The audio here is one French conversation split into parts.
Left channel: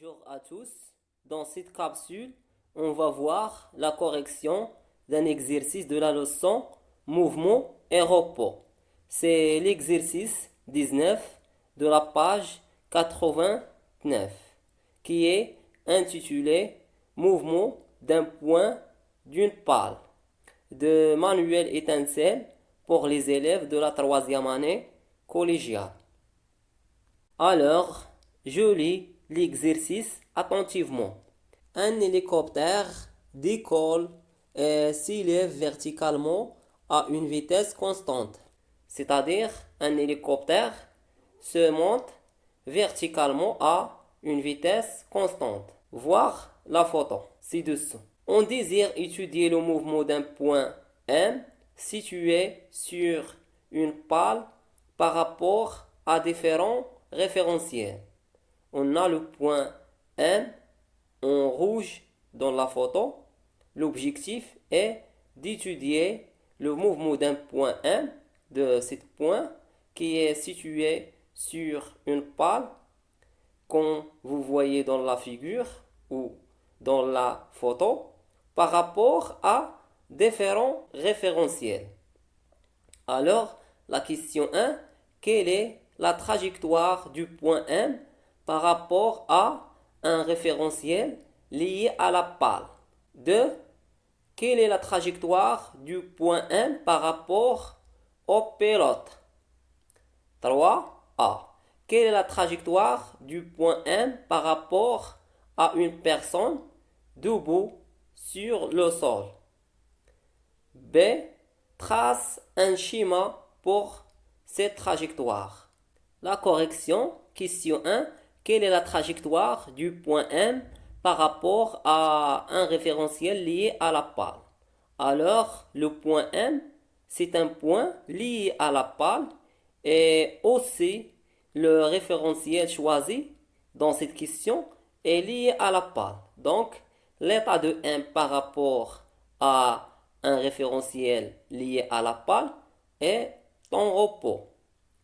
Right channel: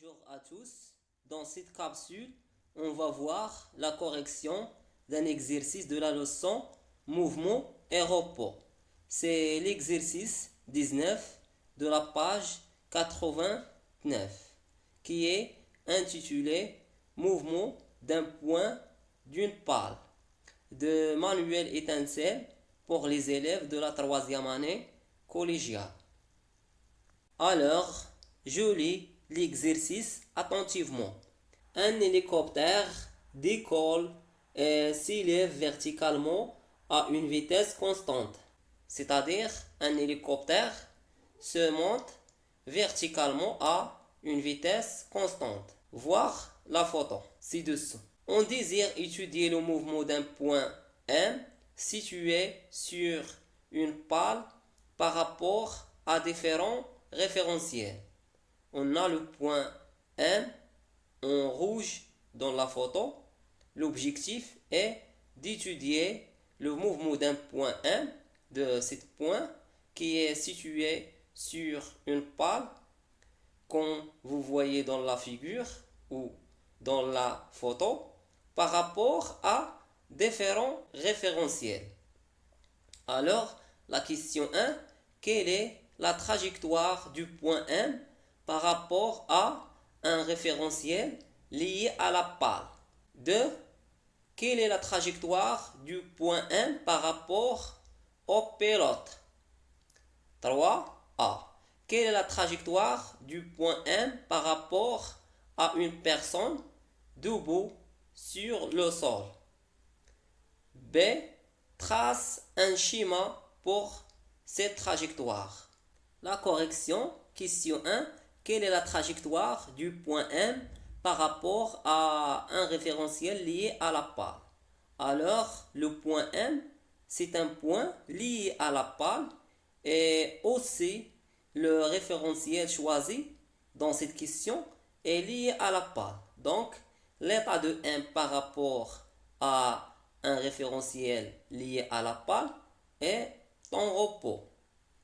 Bonjour à tous. Dans cette capsule, on va voir la correction d'un exercice de la leçon mouvement et repos. C'est l'exercice 19 de la page 89 qui est intitulé Mouvement d'un point d'une pale de Manuel Étincelle pour les élèves de la troisième année collégiale. Alors, je lis l'exercice attentivement. Un hélicoptère décolle et s'élève verticalement à une vitesse constante. C'est-à-dire, un hélicoptère se monte verticalement à une vitesse constante. Voir la photo ci-dessous. On désire étudier le mouvement d'un point M situé sur une pale par rapport à différents référentiels. On a le point M en rouge dans la photo. L'objectif est d'étudier le mouvement d'un point M, de ce point qui est situé sur une pale, comme vous voyez dans la figure ou dans la photo, par rapport à différents référentiels. Alors, la question 1, quelle est la trajectoire du point M par rapport à un référentiel lié à la pale? 2. Quelle est la trajectoire du point M par rapport au pilote? 3a. Quelle est la trajectoire du point M par rapport à une personne debout sur le sol? B. Trace un schéma pour cette trajectoire. La correction, question 1. Quelle est la trajectoire du point M par rapport à un référentiel lié à la pale? Alors, le point M, c'est un point lié à la pale et aussi le référentiel choisi dans cette question est lié à la pale. Donc, l'état de M par rapport à un référentiel lié à la pale est en repos,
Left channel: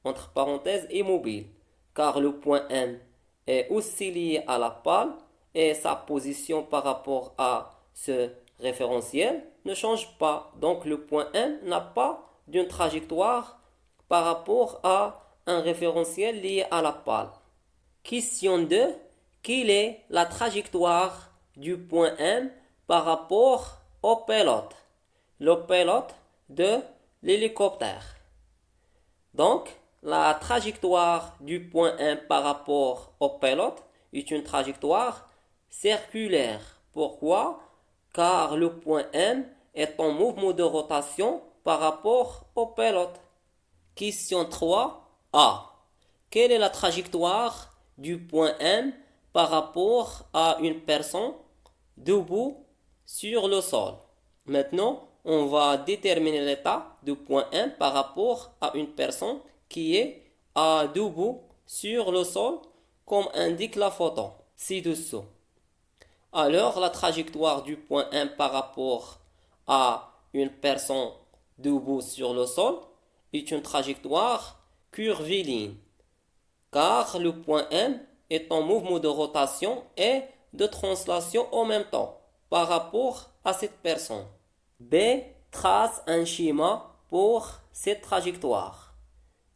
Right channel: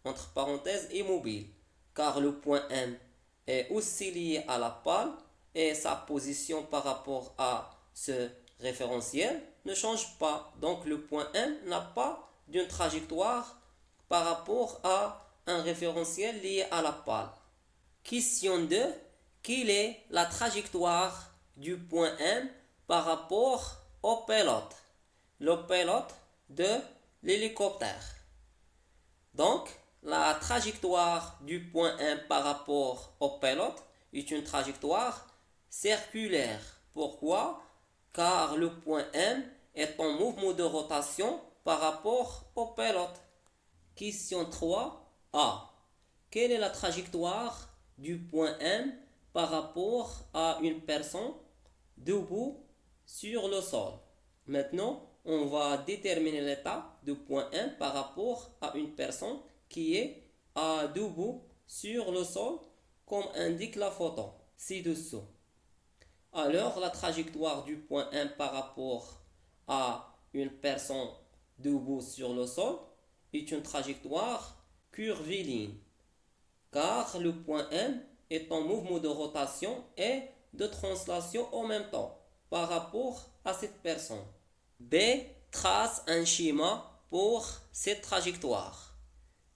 entre parenthèses immobile, car le point M est aussi lié à la pale et sa position par rapport à ce référentiel ne change pas. Donc le point M n'a pas d'une trajectoire par rapport à un référentiel lié à la pale. Question 2. Quelle est la trajectoire du point M par rapport au pilote? Le pilote de l'hélicoptère. Donc, la trajectoire du point M par rapport au pilote est une trajectoire circulaire. Pourquoi? Car le point M est en mouvement de rotation par rapport au pilote. Question 3a. Quelle est la trajectoire du point M par rapport à une personne debout sur le sol? Maintenant, on va déterminer l'état du point M par rapport à une personne qui est debout sur le sol, comme indique la photo ci-dessous. Alors, la trajectoire du point M par rapport à une personne debout sur le sol est une trajectoire curviligne, car le point M est en mouvement de rotation et de translation en même temps par rapport à cette personne. B. Trace un schéma pour cette trajectoire.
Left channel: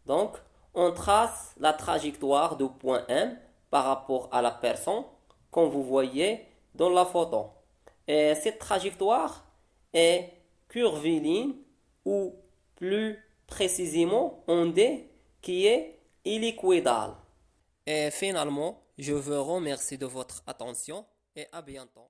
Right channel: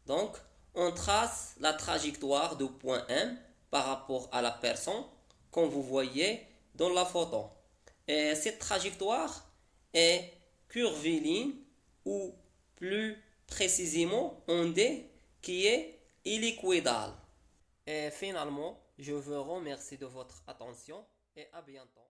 Donc, on trace la trajectoire du point M par rapport à la personne, comme vous voyez dans la photo. Et cette trajectoire est curviligne ou plus précisément ondée qui est hélicoïdale. Et finalement, je vous remercie de votre attention et à bientôt.